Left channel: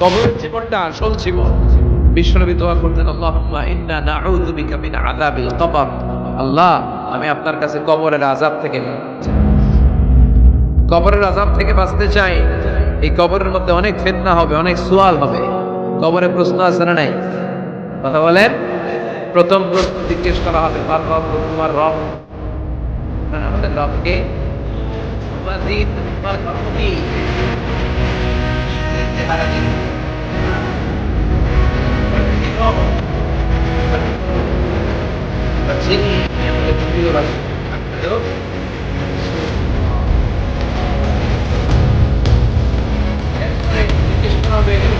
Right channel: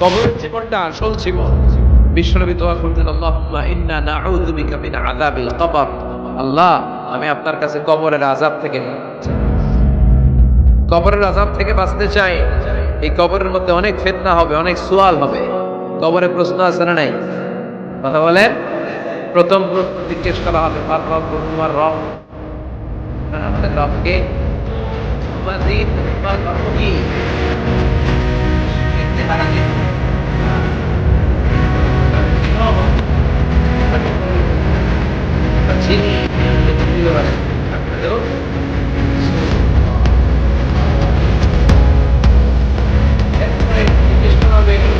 কবরের জীবনটা আসল জীবন বিশ্বনবী দোয়া করতেন আল্লাহুম্মা ইন্না নাউযু বিকা মিন আযাবিল কবর। আল্লাহ আমি আপনার কাছে কবরের আযাব থেকে কবরের আযাব থেকে বাঁচতে চাই এই কবরের মধ্যে অনেক ফিতনা হবে অনেক সুয়াল হবে। কবরে প্রশ্ন আছে না নাই? কথা বলেন। প্রথম প্রশ্ন জিজ্ঞেস করা হবে পার রব তোমার রব। হ্যাঁ, আমাদের রবকে কি? চেহারা আমাদের পারি আপনাদেরও জিজ্ঞেস করা হবে এগুলো